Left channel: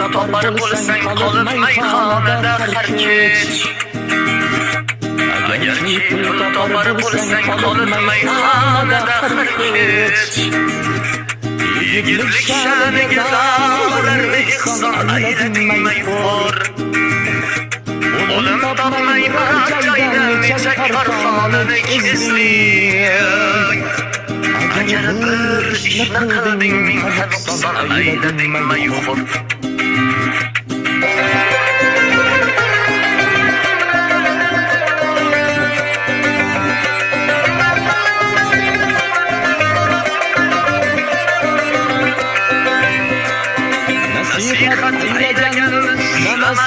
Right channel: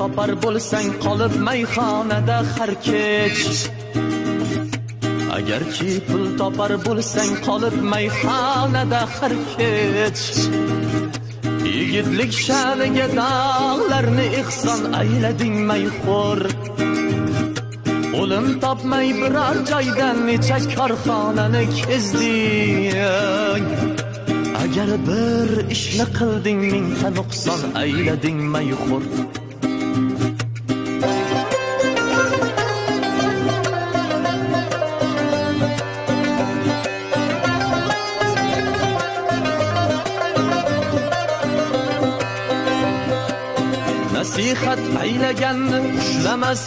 topar bo'lsang qolib mayxonada har kech. Agarki pul topar bo'lsang qolib mayxonada har kech. Yigitlik sha'niga dog'larni ehson aylading mayxo'r. O'lim topmay biror joydan necha korxonani kezding. Agar bir ishni qilding mingta nuqson aylading mayxo'r. Nasihat aylaganni ushlamas